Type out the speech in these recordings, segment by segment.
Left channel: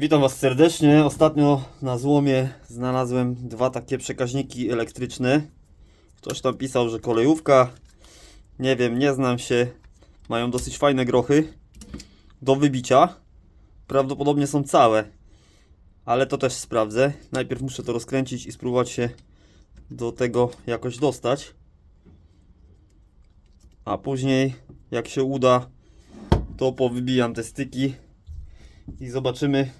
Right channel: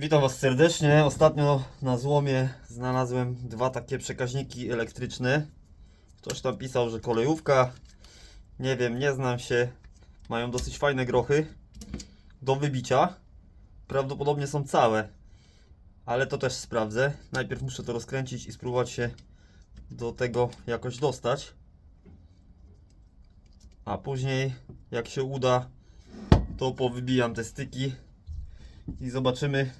Witam Was serdecznie. Ostatnio na złomie znalazłem dwa takie przekaźniki elektryczne. Ktoś tam pisał, że kolejówka. Nie wiem, nie znam się. Mają dosyć fajne grochy do wybicia. Prawdopodobnie są całe, ale to też sprawdzę. Najpierw muszę to rozkręcić i spróbować się do tego jakoś dostać. A później, jak się uda, to powybijam te styki i zobaczymy,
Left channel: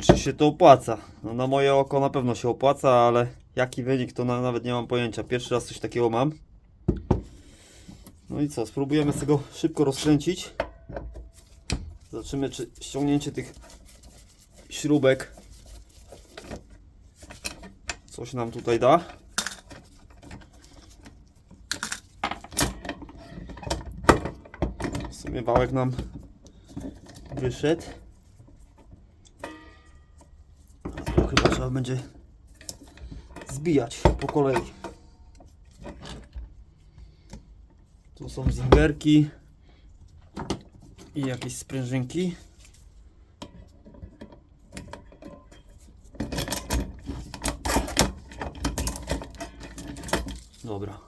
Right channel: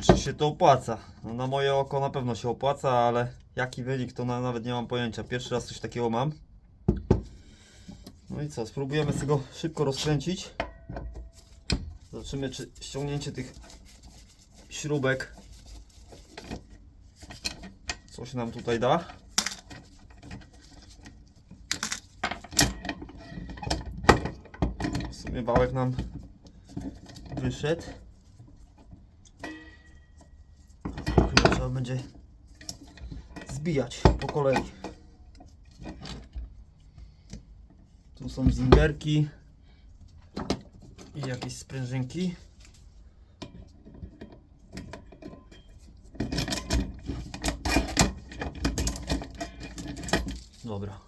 czy się to opłaca. No, na moje oko na pewno się opłaca, ale jaki wynik to na, nawet nie mam pojęcia. Pierwszy raz coś takiego mam. No i co, spróbujemy z tego szybko rozkręcić. Zobaczymy, czy ściągnięcie tych śrubek coś nam tutaj da. W sumie wałek nam wyszedł. To chyba trzeba będzie zbijać po kolei. Tu są zingerki i jakieś sprężynki. Dobra.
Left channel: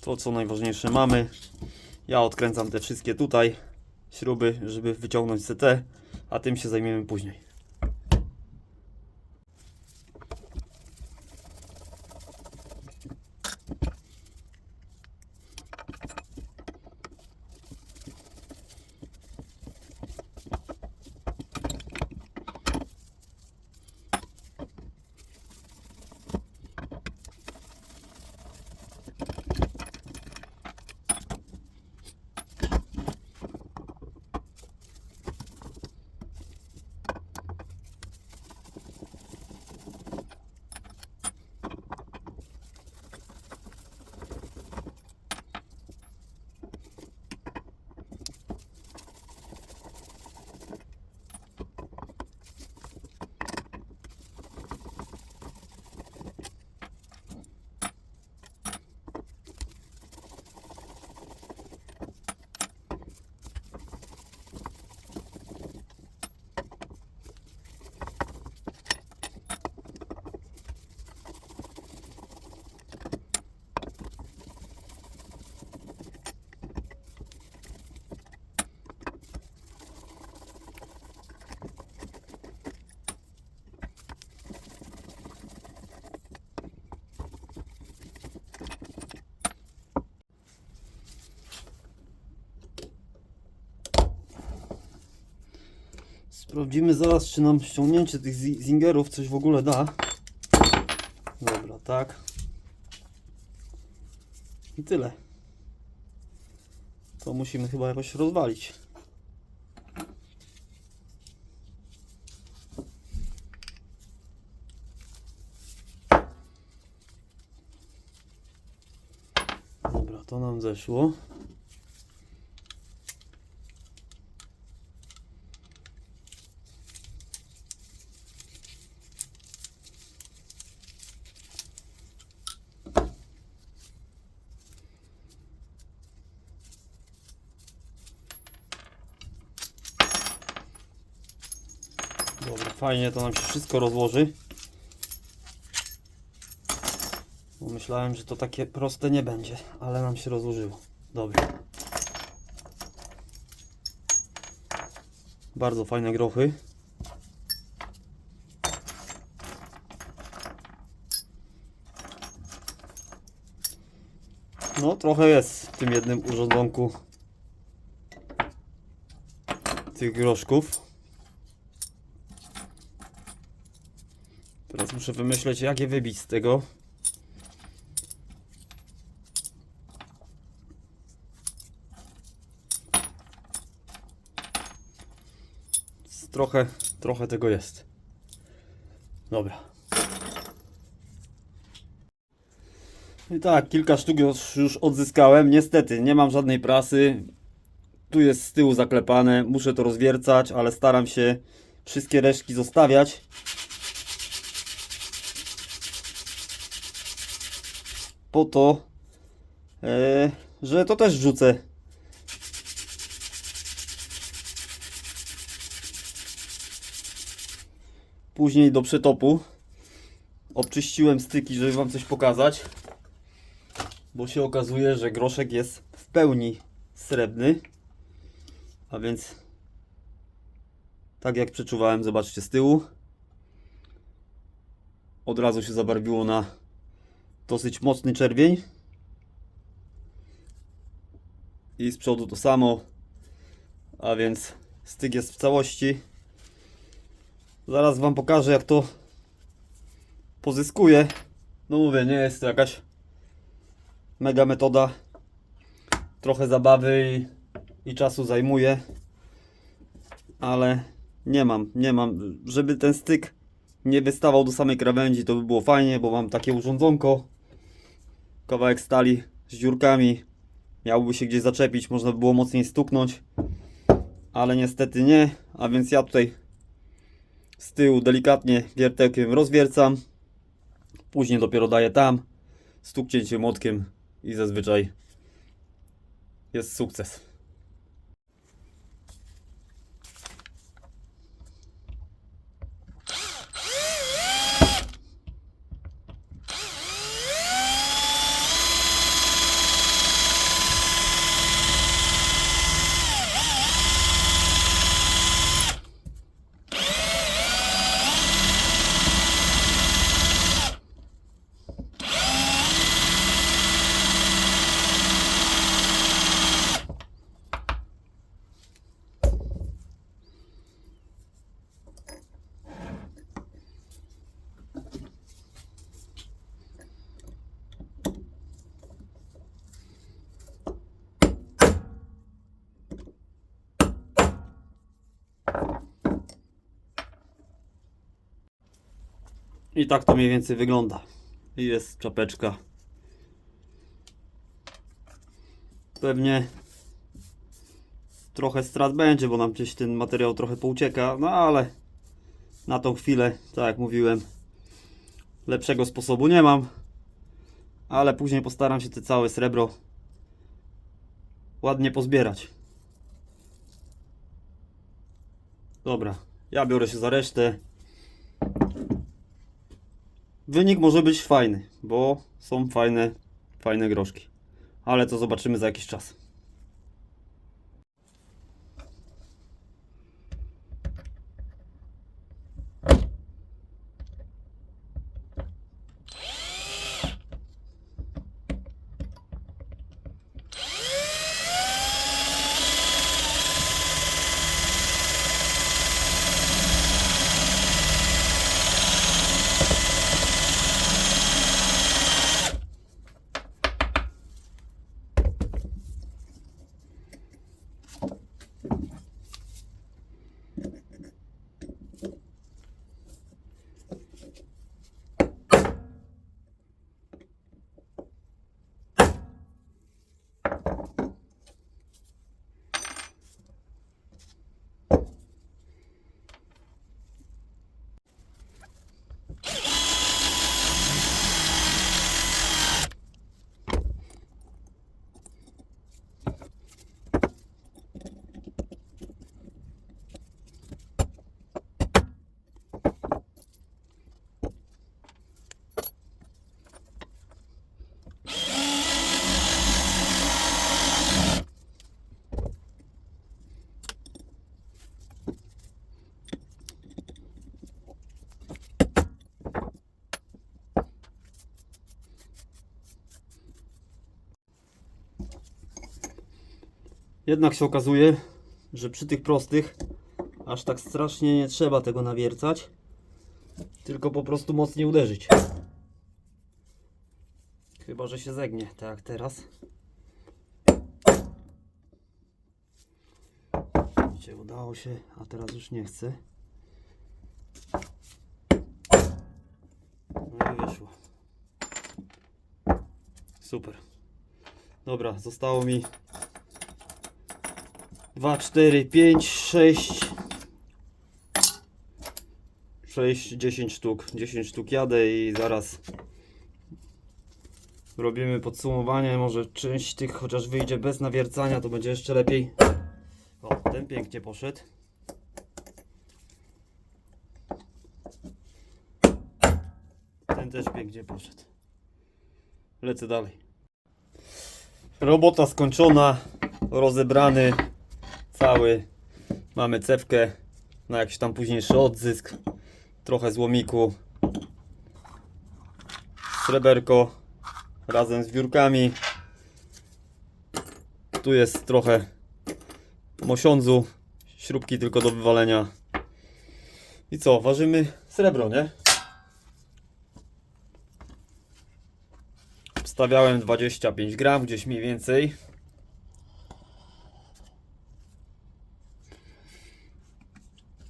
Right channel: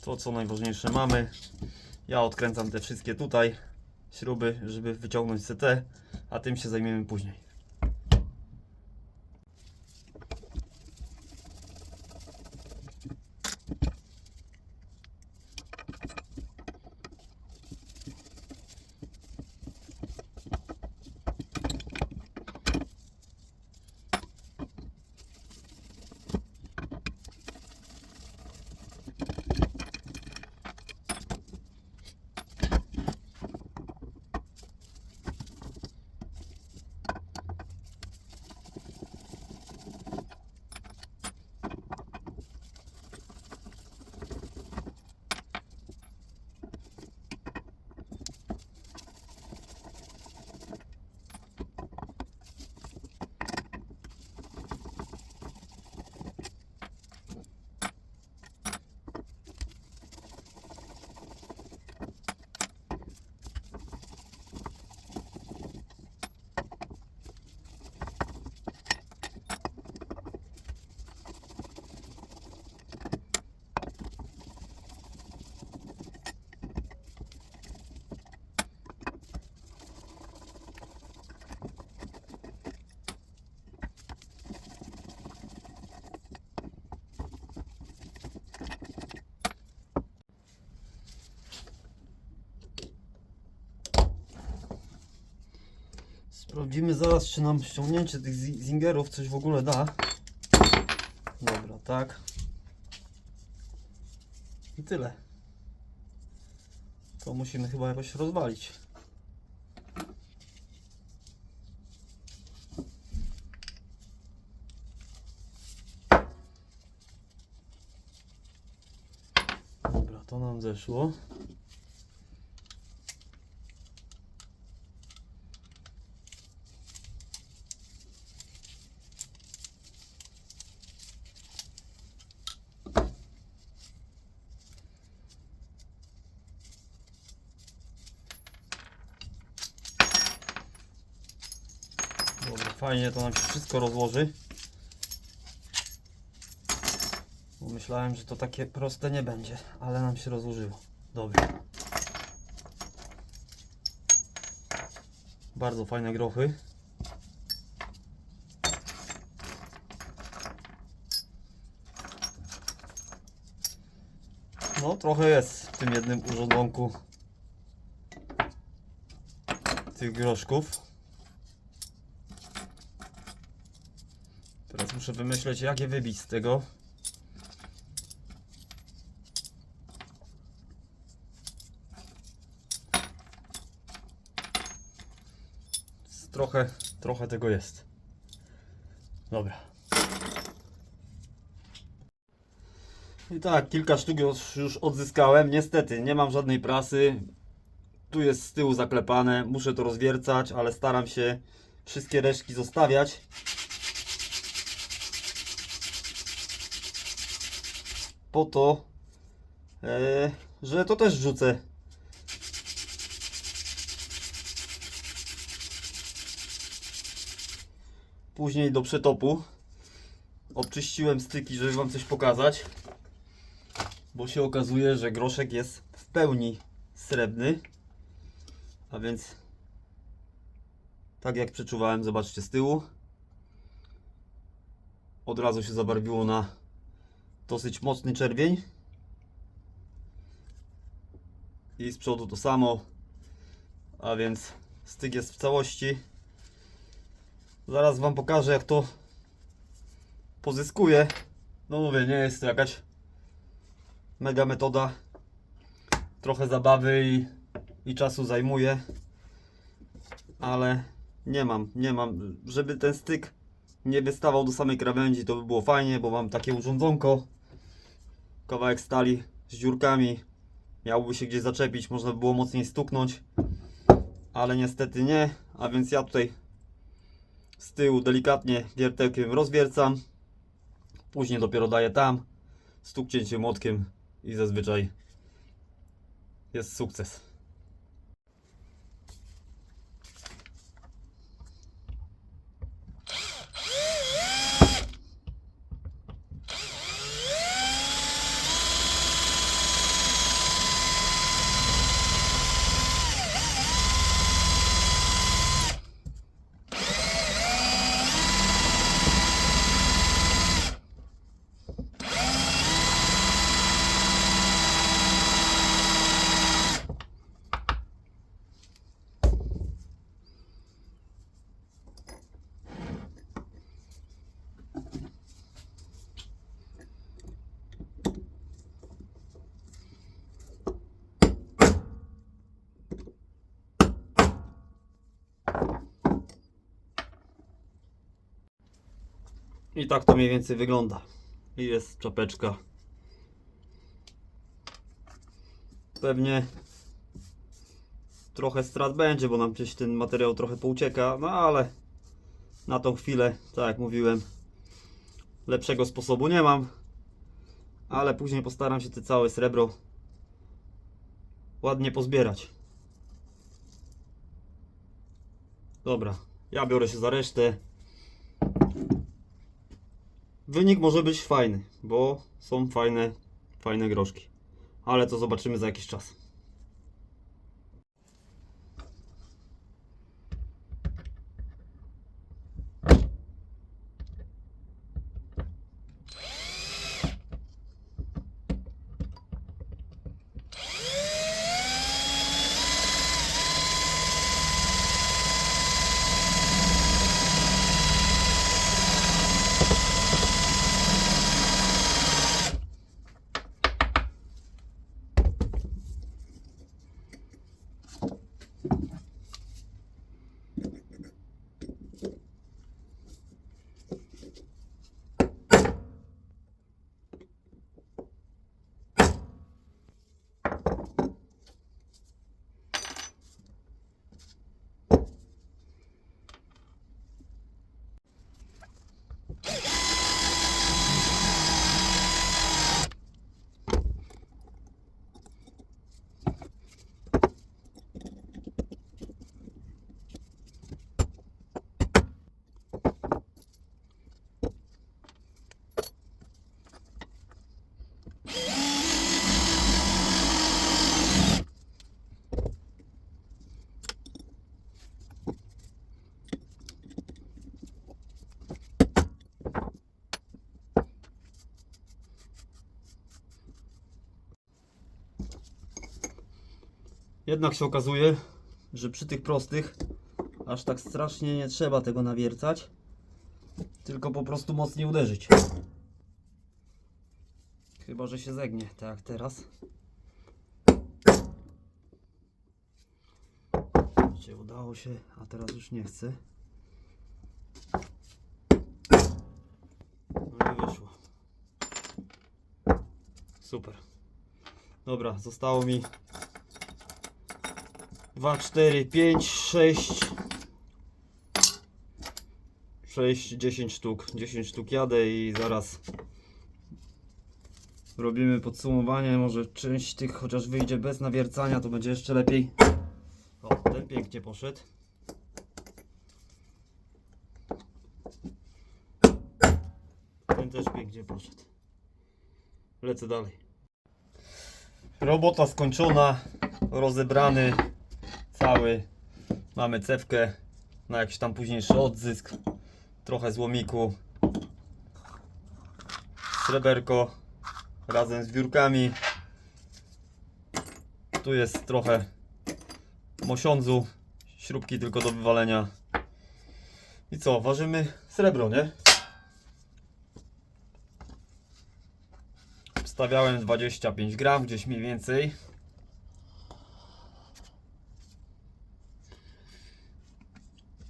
To co najważniejsze mamy. Ja odkręcam te wszystkie tutaj śruby, żeby wyciągnąć CT, a tym się zajmiemy później. Sprawdzimy zaraz, czy nam ściągnięcie tych zi- zingerów coś w ogóle da. Dobra, tak. I tyle. To musimy chyba jakoś rozwalić. Dobra, to nam zeszło. Dobra, fajnie to nam się wszystko rozłoży. Myślałem, że to takie proste nie będzie, ale nam się rozłożyło. Dobra. Bardzo fajne grochy. No, trochę jest w tym jednym urządzonku tych groszków. Teraz muszę wymyśleć, jak je wybić z tego. Trochę, trochę tego jest. Dobra. I tak, kilka sztuk już odzyskałem. Niestety, nie mam żadnej prasy. Tu jest z tyłu zaklepane. Muszę to rozwiercać, ale staram się wszystkie resztki zostawiać. po to, e, że to też rzucę. Później do przetopu. Obczyściłem styki, żeby Wam coś pokazać, bo się okazuje, że groszek jest w pełni srebrny, a więc tak jak przeczuwałem, zobaczcie z tyłu, od razu się zabarwiło na dosyć mocny czerwień. I z przodu to samo. A więc styk jest w całości. Zaraz Wam pokażę jak to pozyskuję. No mówię, nie jest to jakaś mega metoda. Trochę zabawy i, i czasu zajmuje. Ale nie mam, nie mam. Żeby ten styk nie wystawał do samej krawędzi, to by było fajnie, bo mam takie urządzonko. Kawałek stali z dziurkami. Miałby się gdzieś zaczepić, można by było mocniej stuknąć. Ale niestety nie, a więc ja tutaj z tyłu delikatnie wiertełkiem rozwiercam. Później dopiero daję tam, stuknięcie młotkiem i zazwyczaj jest sukces. I tak to mniej więcej wygląda. I jest czapeczka. Pewnie trochę strat będzie, bo nam gdzieś ten materiał trochę poucieka, no ale na tą chwilę, tak jak mówiłem, lepszego sposobu nie mam. Ale później postaram się te całe srebro ładnie pozbierać. Dobra, ja biorę się za resztę. Wynik może być fajny, bo są fajne, fajne groszki. Ale to zobaczymy za jakiś czas. Jednak się okazuje, że przy tych prostych aż tak strasznie nie trzeba tego nawiercać, tylko po prostu mocniej uderzyć. Chyba, że się zegnie, tak jak teraz. Widzicie, udało się, a teraz już nie chce. No i wyszło. Super. Dobra, zostało mi 2, 4, 5, 6 6, 10 sztuk. 10 sztuk jadę i zaraz robimy podsumowanie. Może część tych chociaż wyjdzie bez nawiercania to będzie jeszcze lepiej. O, ten pięknie poszedł. Też pięknie poszedł. Lecę dalej. Robota skończona, rozebrany cały. Mamy cewkę na jakiś tam późniejszy odzysk. Trochę złomiku. Sreberko razem z wiórkami. Tu jest trochę mosiądzu. Śrubki tylko do wywalenia. I co, ważymy srebro, nie? Wstawiałem 25 gram, gdzieś mniej więcej.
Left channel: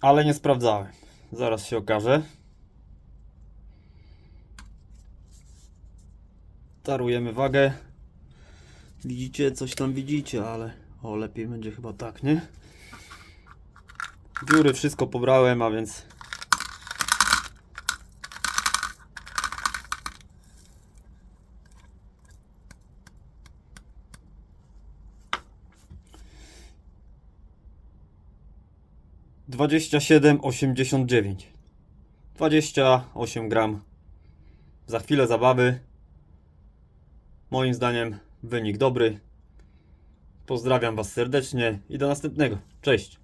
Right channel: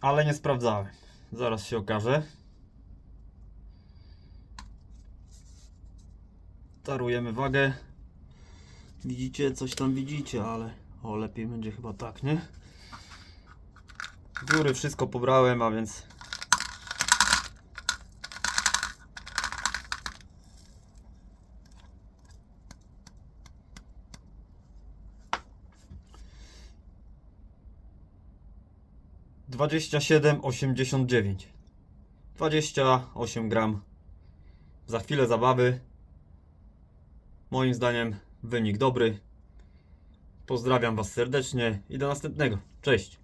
Ale nie sprawdzałem. Zaraz się okaże. Tarujemy wagę. Widzicie, coś tam widzicie, ale o lepiej będzie chyba tak, nie? Dziury wszystko pobrałem, a więc Dwadzieścia siedem osiemdziesiąt dziewięć. Dwadzieścia osiem gram. Za chwilę zabawy. Moim zdaniem wynik dobry. Pozdrawiam Was serdecznie i do następnego. Cześć.